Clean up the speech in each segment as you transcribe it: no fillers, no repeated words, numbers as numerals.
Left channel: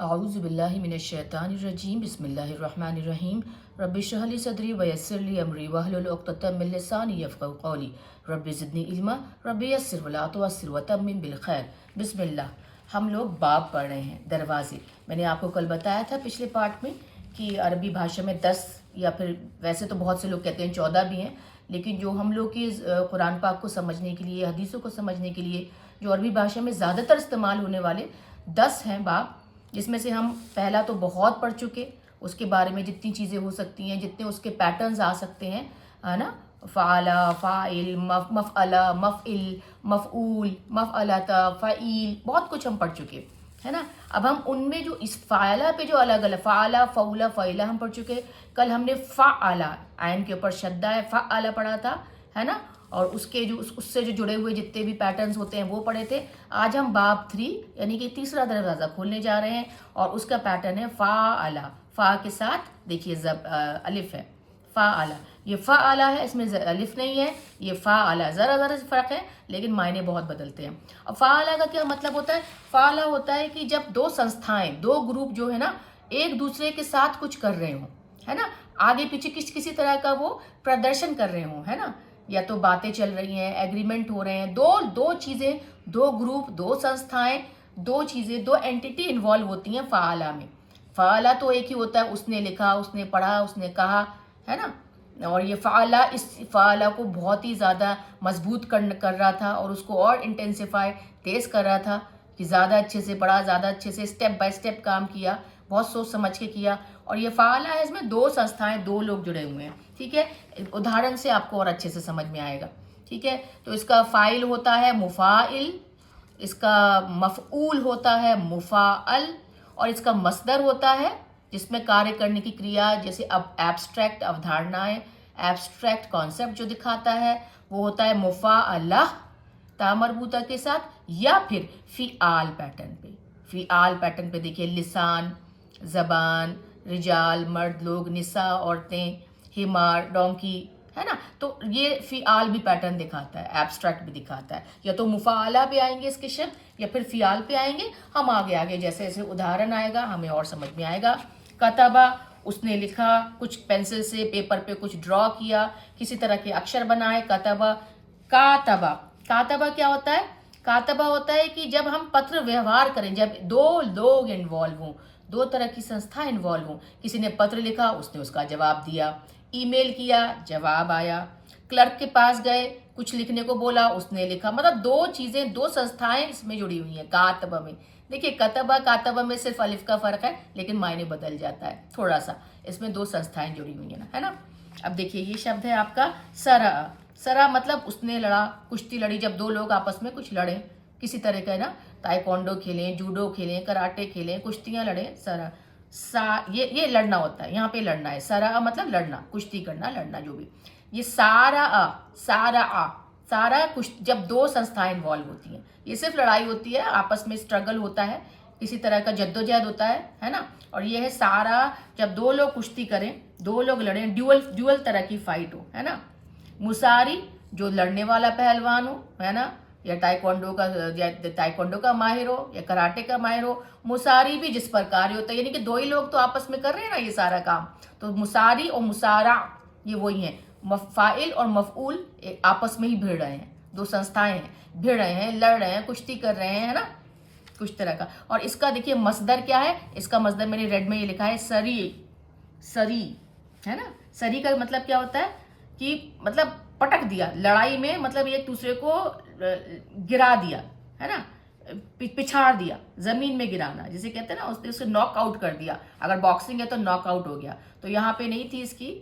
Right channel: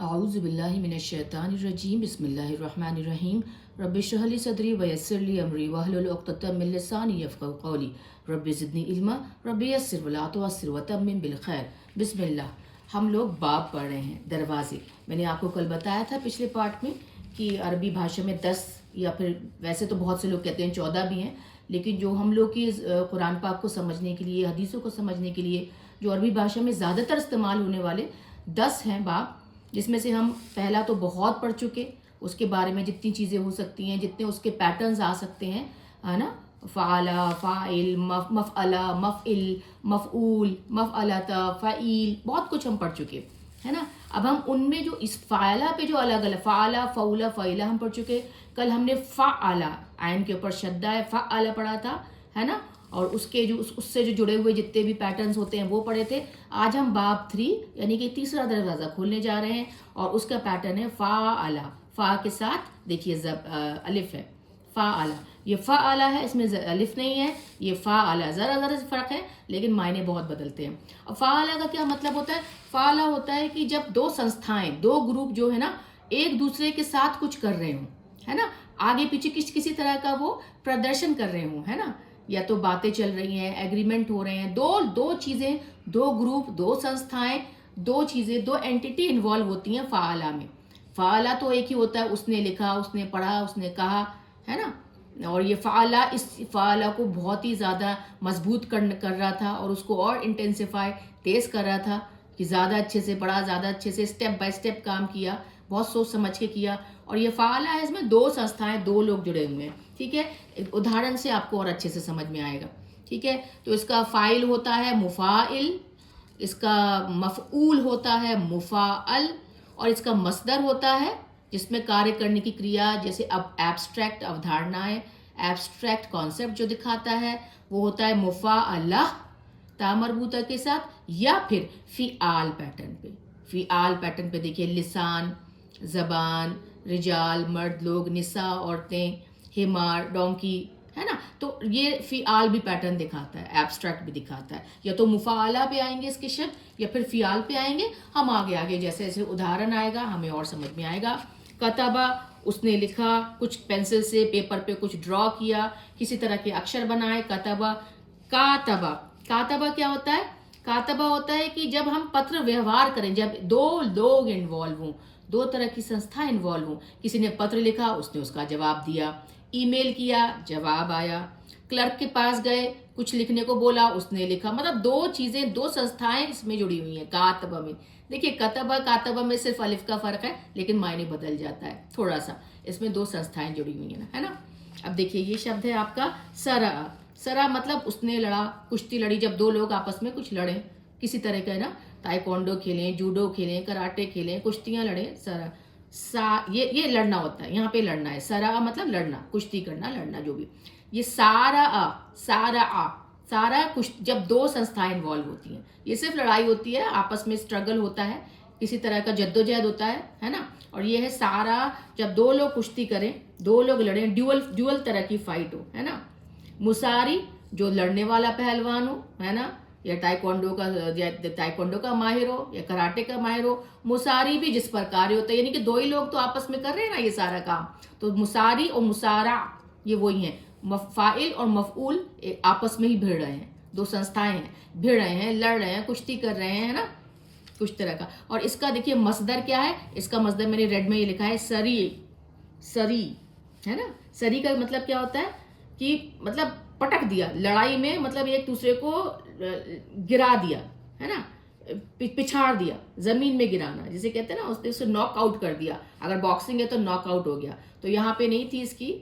आऊज़ुबिल्लाहिमिनश्शैतानिर्रजीम बिस्मिल्लाहिर्रहमानिर्रहीम रब्बि इश्रह ली सदरी व यस्सिर ली अमरी वहलुल उक़्दतम मिन लिसानी यफ़क़हू क़ौली रब्बि ज़िदनी इल्मा रब्बि यस्सिर वला तुअस्सिर वतम्मिम बिल खैर। बिस्मिल्लाह। हम लोग बाब पढ़ रहे हैं, दरवाज़े। मैंने आपको कल बताया था पिछले पार्ट में कि अरबी भाषा में 10 या फिर वैसे तो बहुत से लोग कहते हैं 14 भी हैं, लेकिन जो हम लोग की कुरान पाक को समझने के लिए, हदीसों को समझने के लिए जो अरबी भाषा में ज़्यादातर इस्तेमाल होने वाले 10 हैं बाब, जिसमें से हम पहला तो बहुत पढ़ चुके, उसके बारे में जितनी चीज़ें हो सकती हैं, जितने उसके पैटर्न्स आ सकते हैं, है ना, फ़ाला, फ़ाइल, मफ़अला, मफ़इल, मफ़ऊल, मफ़अलता, फ़ईल, बहुत कुछ हम पढ़ चुके, है ना। अब हम उनमें जो इस फ़ाला पे जो अलग अलग फ़ाला, फ़ऊला, फ़ईला हम पढ़ चुके। कल हमने फ़अला, आयन के ऊपर शद्दा है, फ़अला पढ़ा था, है ना, और उसके जो उससे जो जुड़े हुए जितने भी पैटर्न्स होते हैं वो पढ़े थे। आज हम बाब 3 यानी कि तीसरा दरवाज़ा खोलने जा रहे हैं और उसका पैटर्न है फ़ाअला। फ़ा के साथ देखिए अलिफ है, फ़ाअला। ये फ़ाअला है, इसमें अलिफ नहीं है, ये फ़ाअला। ज़रा से फ़र्क है लेकिन मायने बहुत बदलते हैं। और फ़ाअला का क्या मतलब होता है? फ़ाअला होता है कि जब दो संस्थाएं, दो ग्रुप जो है ना, एक दूसरे के साथ कुछ कर रहे हों, है ना, आगे पीछे किसी तरह का वो प्रदर्शन कर रहे हों, है ना, या तो बातें चल रही हैं, एग्रीमेंट हो रहे हैं, दो चीज़ें, दो ग्रुप, दो संस्थाएं, दो चीज़ें, दो एंटिटी इन्वॉल्व होती हैं फ़ाअला में। फ़ाअला तो एक ही होता है, उसने लिखा, उसने पढ़ा, उसने कहा, है ना। और ये फ़ाअला, इस फ़ाअला को बहुत ही ज़्यादा मजबूत कर रहा था और उसको और इंटेंसिफाई, तेज़ कर रहा था कि ज़्यादा अच्छे से पढ़ा, ज़्यादा अच्छे से स्टेप बाय स्टेप काम किया, बहुत सोच समझ के किया। और ये फ़ाअला है, इसमें दो संस्थाएं, दो लोग जुड़े हुए हैं, ठीक है। एक उदाहरण से आपको और अच्छे से समझ में आएगा, ठीक है। तो इसका फ़ाइल होता है मुफ़ाइल, इसका मफ़ऊल होता है मुफ़ाअल, और इसका मसदर होता है जिसमें कार्य करने की क्रिया, जैसे अब एब्स्ट्रैक्ट अवधारणाएं, एब्स्ट्रैक्ट कॉन्सेप्ट जो दिखाता है वो होता है मुफ़ाअला ता मरबूता के साथ, या फिर फ़िआल पैटर्न पे। फ़िआल पैटर्न पे देखिए, लिसान, ज़बान, रिजाल मर्द लोग, निसा औरतें, हिमार डोंकी, है ना। तो ये फ़िआल भी पैटर्न दिखाता है, एब्स्ट्रैक्ट भी दिखाता है। या तो मुफ़ाअला पे आएंगे इसके शब्द या फिर फ़िआल पे आएंगे। हम आगे आगे जैसे जैसे उदाहरण आएगा हमें और समझ में आएगा। कतबा, उसने लिखा, कुछ पेंसिल से पेपर पे कुछ ड्रॉ किया, किसी तरह के अक्षर बनाए, कतबा। कातबा, कातबा क्या होता है? कातबा होता है कि जब हम पत्र व्यवहार करें, जब दो लोग इन्वॉल्व हों, दो तरह की संस्था इन्वॉल्व हो, किसी ने पत्र लिखा, उसने उसका जवाब दिया, ईमेल किया, जवाब आया, क्लर्क के पास गए, कुछ लिखने को बोला, उसने लिखा, मतलब दो चीजें, दो संस्थाएं इसमें जुड़ी हुई हैं कातबा में। देखिए कतबा कातबा में सिर्फ अलिफ का फर्क है लेकिन मायने बदल जाता है थोड़ा सा, इसमें दो संस्थाएं जुड़ी हुई है ना, है ना। अब देखिए ये शब्द है आपका सरा। सरा मतलब उसने लड़ा, कुश्ती लड़ी, जब दो लोग आपस में कुछ लड़े किसी तरह का, है ना, ताइक्वांडो खेलें, जूडो खेलें, कराटे खेलें, कुश्तियां लड़ें, सरा। ये लड़ना होता है, यहाँ पे लड़ना है। सरा मतलब लड़ना, कुश्ती करना, लड़ना, जो भी। ये सारा आ, सारा आ, सारा कुछ जब दो संस्थाएं इन्वॉल्व होती हैं, ये सिर्फ लड़ाई होती है, आपस में स्ट्रगल होता है, किसी तरह का जद्दोजहद होता है ना। और ये है सारा, जब दो लोग कुश्ती करें, दो लोग लड़ें, ड्यूअल तरह की फाइट हो, है ना। मुसारी, जो लड़ने वाला पहलवान हो, है ना, या ताइक्वांडो का माहिर हो या कराटे का माहिर हो। मुसारी भी जिस पर कार्य होता है, यानी कि दो ही लोग तो आपस में कर रहे हैं ना ये सारा काम। तो मुसारी और मुसारा ये वही है, फ़ाइल और मफ़ऊल आपस में ही भिड़ रहे हैं, दो संस्थाएं हैं, भिड़ रहे हैं, लड़ रहे हैं, कुश्ती कर रहे हैं, है ना, कुछ तरह का। और इसका देखिए मसदर क्या है, इसका मसदर मैंने रेड में ये लिखा है सरी, सरी, है ना। सरी का मतलब क्या होता है कि मतलब पटक दिया लड़ाई में, मतलब एक दूसरे को गिरा दिया, है ना, पिछाड़ दिया, जमीन में गिराना जिसे कहते हैं ना, उसने उसे नॉक आउट कर दिया। अगर बॉक्सिंग है तो नॉक आउट हो गया। तो यहाँ पे नहीं थी इसकी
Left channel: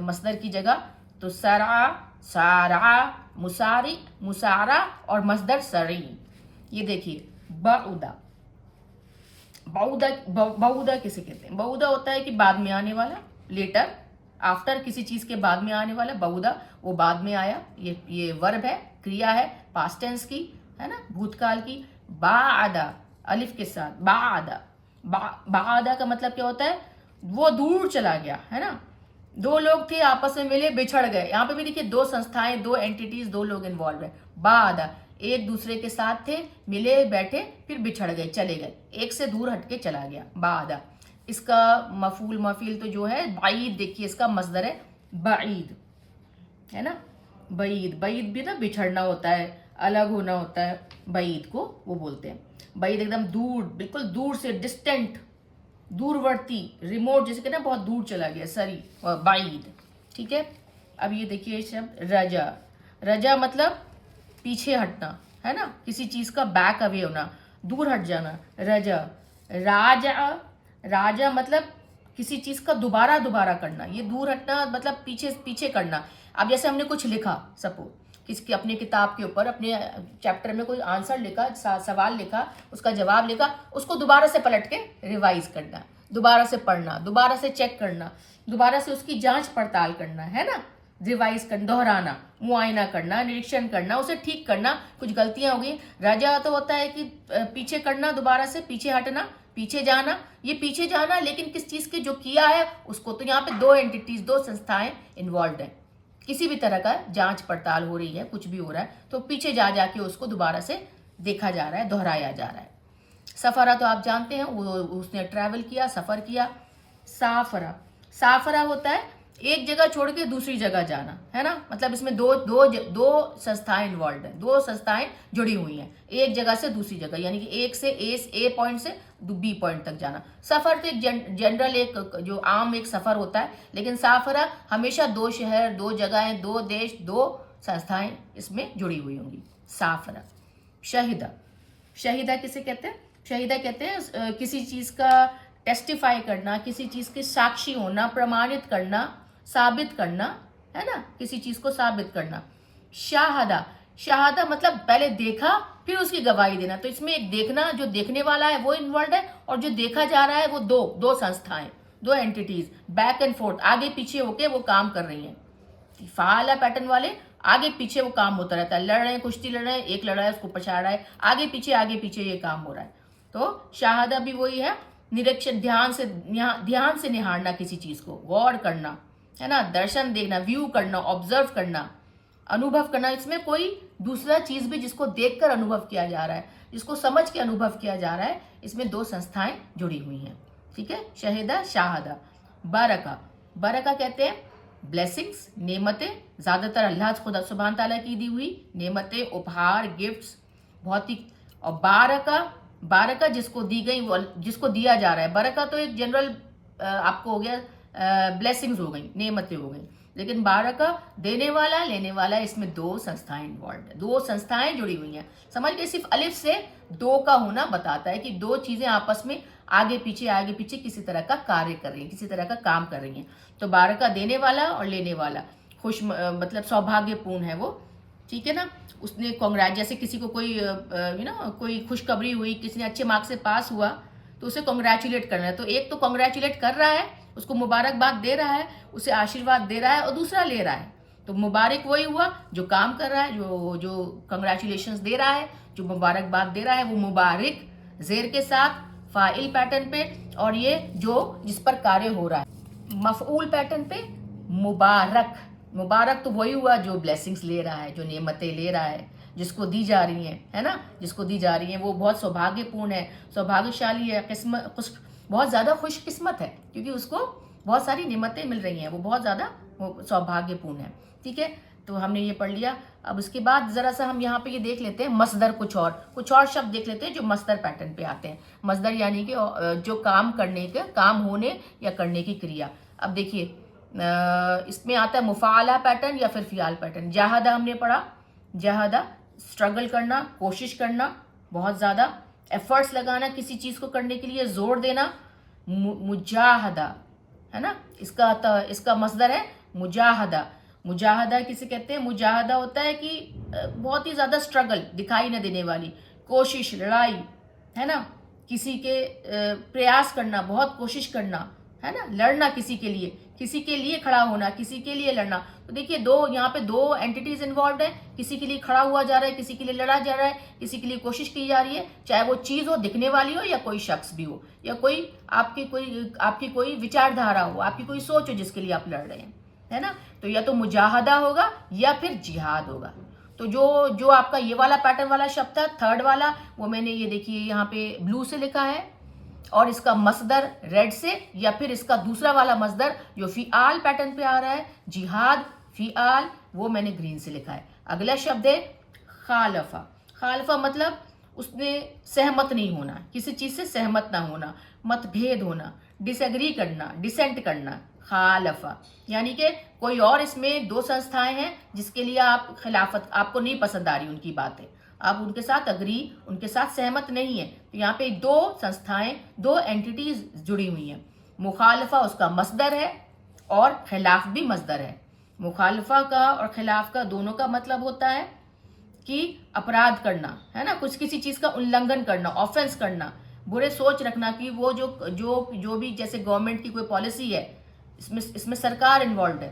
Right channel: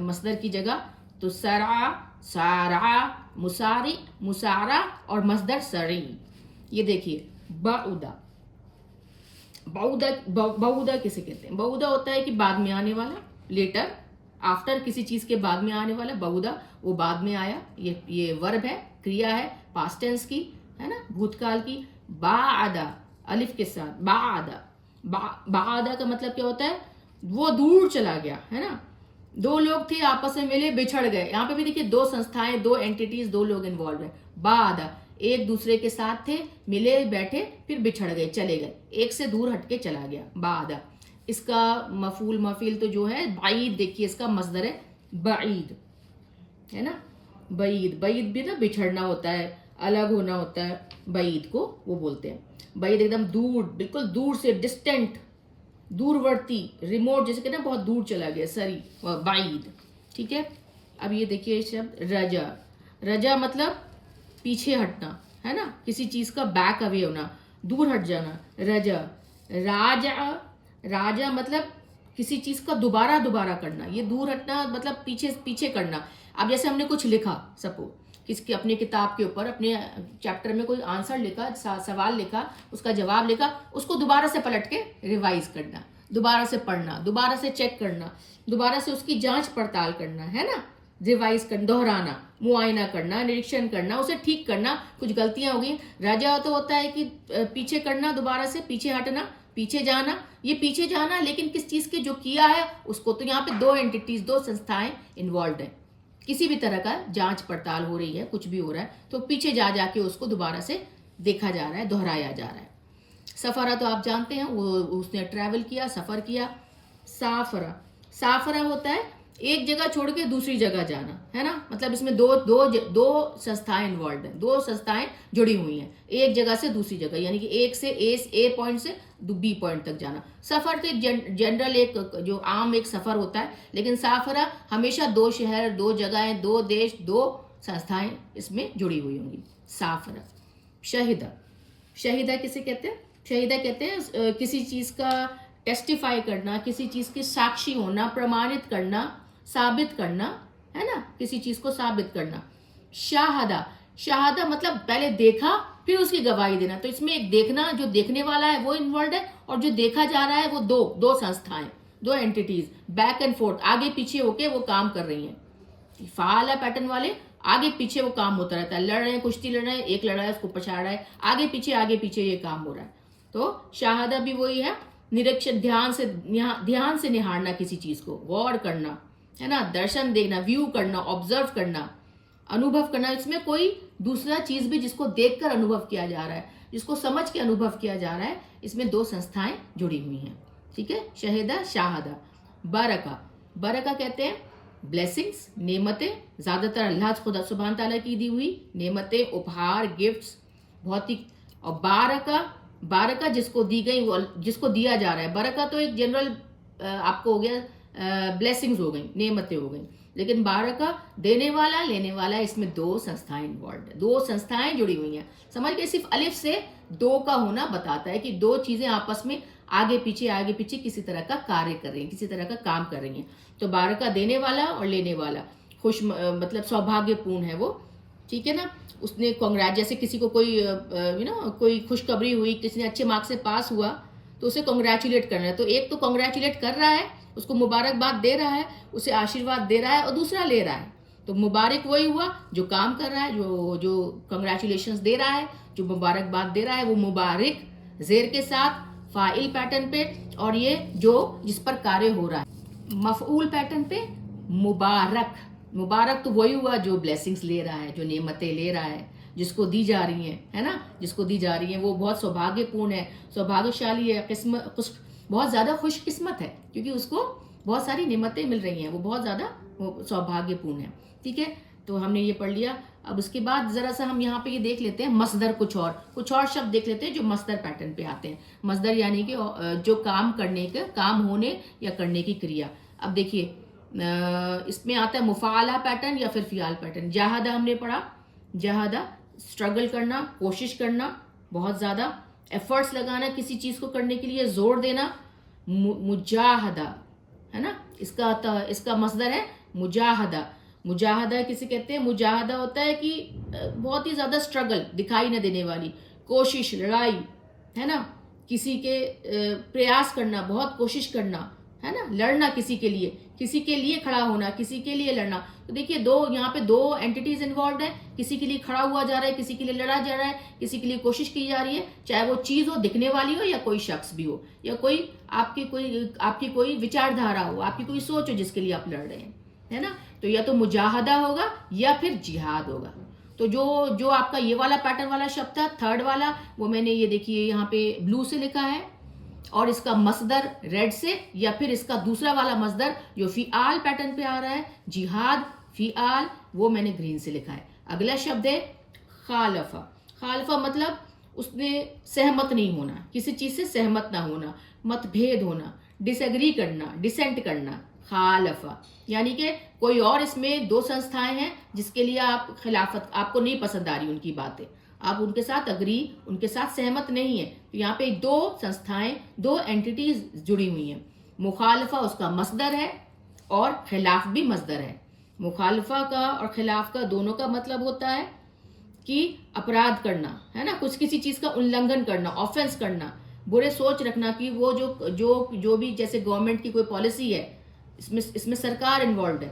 मसदर की जगह, तो सरा, सारा, मुसारी, मुसारा और मसदर सरी। ये देखिए बउदा, बउदा किसे कहते हैं? बउदा होता है कि बाद में आने वाला, लेटर, आफ्टर, किसी चीज के बाद में आने वाला, बउदा, वो बाद में आया। ये वर्ब है, क्रिया है, पास्ट टेंस की, है ना, भूतकाल की। बादा, अलिफ के साथ, बादा। बादा का मतलब क्या होता है? वो दूर चला गया, है ना। दो लोग थे, आपस में मिले, बिछड़ गए। यहाँ पे भी देखिए दो संस्थाएं, दो एंटिटीज, दो लोग इन्वॉल्व है। बादा, एक दूसरे के साथ थे, मिले बैठे, फिर बिछड़ गए, चले गए, एक से दूर हटके चला गया। बादा, इसका मफूल मफील तो जो है बाईद, देखिए इसका मसदर है बाईद, है ना। बईद, बईद भी ना बिछड़ना होता है, अलग होना होता है, बईद को वो बोलते हैं। बईद एकदम दूर, बिल्कुल दूर से, डिस्टेंट, दूरवर्ती, रिमोट, जैसे कहते हैं बहुत दूर चला गया, सरी, बाईद, ठीक है। अब ये देखिए शब्द रजा, रजा मतलब पीछे हटना, है ना, किसी चीज का बैक अवे होना, दूर हट जाना, रजा। राजा, राजा मतलब किसी चीज का दोबारा दोबारा करना, ये दूर हटना मतलब पीछे पीछे करना। अब जैसे हमने कुछ लिखा, सपोज किसकी अपनी किताब के ऊपर, अपने चैप्टर में कोई आंसर लिखा, सवाल लिखा, उसका जवाब लिखा, उसको दोबारा से पलट के रिवाइज करना, दोबारा से पढ़ना, दोबारा से चेक करना, दोबारा से उसकी जांच पड़ताल करना, है ना, रिवाइज करना, दोहराना, मुआयना करना, निरीक्षण करना, उसे ठीक करना, कुछ गलतियां हो गई। राजा तो होता है कि पीछे करना, दोबारा से पीछे हटना, पीछे जाना, ये पीछे जाना लेकिन किस चीज के जो किया है उसको। तो यहाँ पे दो एंटिटीज, दो संस्थाएं इन्वॉल्व है, किसी भी तरह का जांच पड़ताल हो रही है, कुछ भी हो रहा है तो पीछे जा जाके उसको दोबारा से देखा जा रहा है, दोहराया जा रहा है। सफरा तो आप जानते हैं, वो उसने ट्रैवल किया, सफर किया। साफरा, साफरा होता है एक जगह छोड़ के दूसरी जगह जाना, है ना, मतलब इसमें दो दो दो संस्थाएं इन्वॉल्व हैं, दो संस्थाएं जुड़ी हुई हैं, एक जगह से दूसरी जगह, यानी कि एक से ए पॉइंट से बी पॉइंट तक जाना। सफर तो एक जनरल, एक जो आम एक सफर होता है, लेकिन साफरा हमेशा दो शहर, दो जगहें, दो देश, दो संस्थाएं इसमें जुड़ी हुई होंगी। साफरा। शहीदा, शहीदा किसे कहते हैं? शहीदा कहते हैं किसी चीज का टेस्टिफाई करना, किसी चीज के साक्षी होना, प्रमाणित करना, साबित करना, है ना, किसी चीज को साबित करना। शाहदा, शाहदा मतलब पहले देखा फिर उसकी गवाही देना, तो इसमें एक देखना, जो देखने वाला है वो इन्वॉल्व है, और जो देखा जा रहा है वो दो दो संस्थाएं, दो एंटिटीज, बैक एंड फोर्थ, आगे पीछे होके वो काम कर रही हैं। फाला पैटर्न वाले आगे पीछे वो काम होता रहता है, लड़ रहे हैं, कुश्ती लड़ रहे हैं, एक लड़ रहा है उसको पछाड़ रहा है, आगे पीछे ये काम हो रहा है। तो शाहदा भी वही है, निरीक्षण, ध्यान से निहारना किसी चीज को, गौर करना, है ना, दर्शन देखना, व्यू करना, ऑब्जर्व करना, अनुभव करना। इसमें कोई दूसरा चीज भी जिसको देखकर अनुभव किया जा रहा है, जिसको समझ के अनुभव किया जा रहा है, इसमें दो संस्थाएं जुड़ी हुई हैं, ठीक है। शहीदा, शाहदा। बरका, बरका कहते हैं ब्लेसिंग्स, नेमतें, ज्यादातर अल्लाह खुदा सुभान ताला की दी हुई नेमतें, उपहार, गिफ्ट्स, भौतिक। और बारका, बारका जिसको दी गई, जिसको दिया जा रहा है। बरका तो एक जनरल आपको हो गया, ब्लेसिंग्स हो गई, नेमतें हो गई, लेकिन बारका देने वाला, लेने वाला, इसमें दो संस्थाएं इन्वॉल्व है, दो संस्थाएं जुड़ी हुई हैं। समझ के सिर्फ अलिफ से दो का होना बताता है कि दो चीजें आपस में आगे पीछे किसी तरह का कार्य कर रही हैं, किसी तरह का काम कर रही हैं। तो बारका देने वाला और लेने वाला, खुश मतलब सौभाग्यपूर्ण है वो, ठीक है ना। उसने कांग्रेट, जैसे किसी को कोई कोई खुशखबरी हुई, किसी ने अच्छे मार्क्स से पास हुआ तो उसे कांग्रेचुलेट करना है, तो एक तो कांग्रेचुलेट कर रहा है, उसको मुबारकबाद दे रहा है, उसे आशीर्वाद दे रहा है, और दूसरा ले रहा है। तो मुबारक वही हुआ जो काम कर रहा है, जो कंग्रेचुलेशंस दे रहा है, जो मुबारकबाद दे रहा है, वो मुबारक जेर के साथ फाइल पैटर्न पे, और ये जो जिस पर कार्य हो रहा है मफऊल पैटर्न पे मुबारक। मुबारक तो वही हुआ जो ब्लेसिंग्स ले रहा है, जो नेमतें ले रहा है, जिसको दी जा रही हैं, है ना, जिसको दी जा रही हैं, वो बहुत सौभाग्यपूर्ण है, सौभाग्यशाली है, बहुत ज्यादा खुशकिस्मत है, क्योंकि उसको बहुत सारी नेमतें मिल रही हैं, वो बहुत ज्यादा सौभाग्यपूर्ण है, ठीक है। तो हमने ये पढ़ लिया। अब उसके बाद जरा सा हम यहाँ पे ये देख लेते हैं मसदर, कुछ और शब्द देख लेते हैं जो मसदर पैटर्न पे आते हैं। मसदर यानी कि जो काम करने के, काम होने या करने की क्रिया। अब देखिए इसमें आता है मुफाला पैटर्न या फिर फियाल पैटर्न। जहादा हमने पढ़ा, जहादा स्ट्रगल करना, कोशिश करना, बहुत ज्यादा एफर्ट्स लगाना, किसी चीज को करने के लिए जोर देना। मुजाहदा, है ना, इसका मसदर है मुजाहदा। मुजाहदा किसे कहते हैं? मुजाहदा होता है कि बहुत ही ज्यादा स्ट्रगल, दिखाई न देने वाली कोशिश, लड़ाई, है ना, किसी के प्रयास करना, बहुत कोशिश करना, है ना, लड़ना, किसी के लिए खड़ा होना, किसी के लिए लड़ना। तो देखिए दो यहाँ पे दो एंटिटीज इन्वॉल्व है, किसी के लिए खड़ा हुआ जा रहा है, किसी के लिए लड़ा जा रहा है, किसी के लिए कोशिश की जा रही है, चाहे वो चीज हो, दिखने वाली हो, या कोई शख्स भी हो, या कोई आपकी कोई विचारधारा हो, आपकी कोई सोच हो जिसके लिए आप लड़ रहे हैं, है ना। तो या तो मुजाहदा होगा या फिर जिहाद होगा। तो जो जो आपका ये वाला पैटर्न वाला शब्द था, थर्ड वाला, वो मैंने ये देखिए यहाँ पे ब्लू से लिखा है, और इसका मसदर रेड से, या फिर इसका दूसरा वाला मसदर जो फिआल पैटर्न पे आ रहा है, जिहाद फिआल, वो मैंने ग्रीन से लिखा है। अगला शब्द है खालफा। खालफा मतलब उसने सहमत नहीं होना, किसी चीज से सहमत ना होना, मतभेद होना, डिसएग्री करना, डिसेंट करना, खालफा। यानी कि कोई और इसमें दो संस्थाएं हैं जिसके लिए आप खिलाफत, आपको नहीं पसंद आ रही उनकी बातें, आप उनके साथ अग्री, उनके साथ सहमत नहीं है, तो यहाँ पे दो संस्थाएं, दो एंटिटीज जुड़ी हुई हैं। मुखालफा उसका मसदर है और खिलाफ भी मसदर है। मुखालफा का और खिलाफ का दोनों का मतलब होता है कि अपराध करना, है ना, कुछ किसी चीज का उल्लंघन करना, ऑफेंस करना, बुरे सोच रखना कि वो जो जो जो भी, जैसे गवर्नमेंट की कोई पॉलिसी है, इसमें सरकार इन्वॉल्व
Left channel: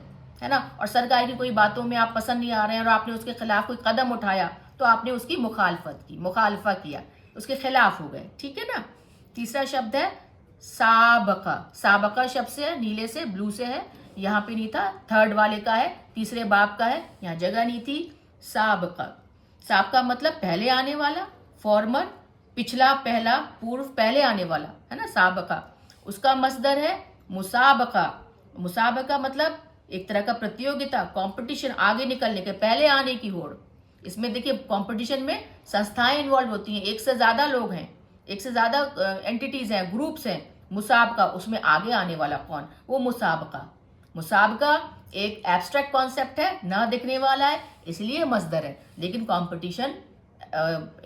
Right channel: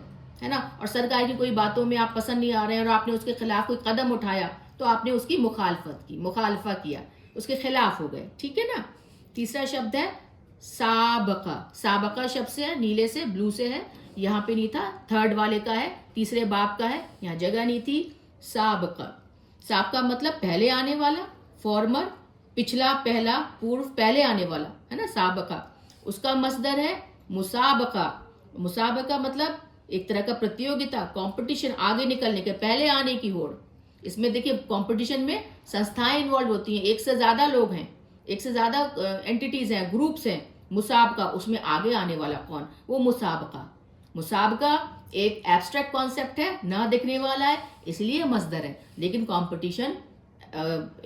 है ना, और सरकार की कोई बातों में आप पसंद नहीं आ रहे हैं और आपने उसके खिलाफ कोई कदम उठाया, तो आपने उसकी मुखालफत की, मुखालफा किया, उसके खिलाफ हो गए, ठीक है ना। तीसरा शब्द है साबका। साबका शब्द से है, नीले से, ब्लू से है, यहाँ पे नहीं था, थर्ड वाले का है, तीसरे बाब का है, यहाँ जगह नहीं थी। साबका, साबका मतलब पहले आने वाला, फॉर्मर, पिछला, पहला, पूर्व, पहले आने वाला, है ना, साबका। उसका मसदर है मुसाबका। मुसाबका मतलब एक तरह का प्रतियोगिता, कंपटीशन, आगे निकलने के, पहले आने की होड़। इसमें देखिए कंपटीशन में संस्थाएं इन्वॉल्व होती हैं, एक से ज्यादा लोग हैं, एक से ज्यादा एंटिटीज हैं, ग्रुप्स हैं। मुसाबका, उसमें आगे आने वाला कौन, वो मुसाबका। मुसाबका एक एब्स्ट्रैक्ट कॉन्सेप्ट है, ना दिखने वाला है, इसलिए मसदर है, लेकिन कंपटीशन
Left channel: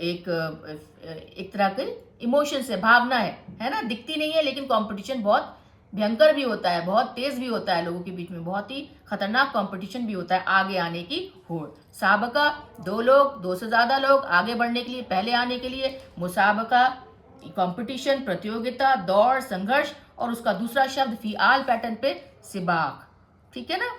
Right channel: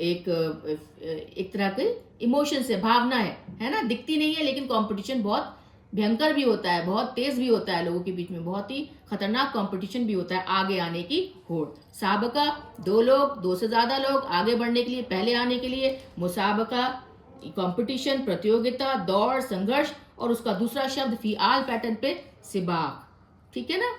एक तरह के इमोशन से, भावना है ना, दिखती नहीं है, लेकिन कंपटीशन बहुत भयंकर भी होता है, बहुत तेज भी होता है, लोगों के बीच में बहुत ही खतरनाक कंपटीशन भी होता है, आगे आने की होड़। साबका दो लोग, दो से ज्यादा लोग आगे बढ़ने के लिए, पहले आने के लिए। मुसाबका कंपटीशन, प्रतियोगिता, दौड़, संघर्ष, और उसका दूसरा शब्द फिआल पैटर्न पे सिबाक, ठीक है ना।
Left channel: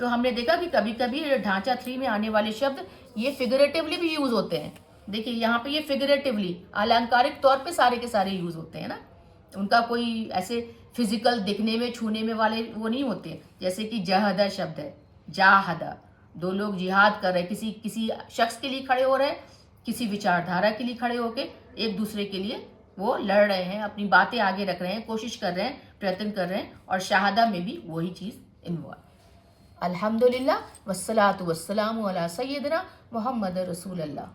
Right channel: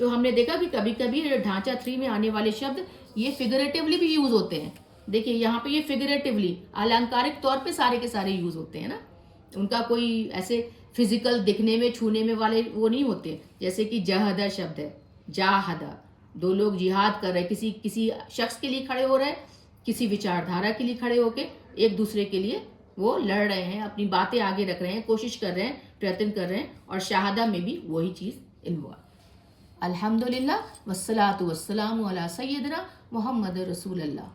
तो हमने देखा कि कभी कभी ढांचा 3 में आने वाले शब्द ये फिगरेटिवली भी यूज होते हैं। देखिए यहाँ पे ये फिगरेटिवली, अलंकारिक तौर पे सारे के सारे यूज होते हैं ना, उनका कोई ऐसे फिजिकल दिखने में, छूने में वाले वो नहीं होते। जैसे कि जहदा शब्द है, जाहदा, दो लोग जिहाद कर रहे हैं, किसी किसी शख्स के लिए खड़े हो रहे हैं, किसी विचारधारा के लिए खड़े होके एक दूसरे के लिए वो लड़ रहे हैं, अपनी बातें आगे रख रहे हैं, कोशिश कर रहे हैं, प्रयत्न कर रहे हैं, और शहादा में भी वही चीज इन्वॉल्व। अल्हम्दुलिल्लाह वस्सलातु वस्सलामु अला सय्यिदना मुहम्मद रसूलुल्लाह।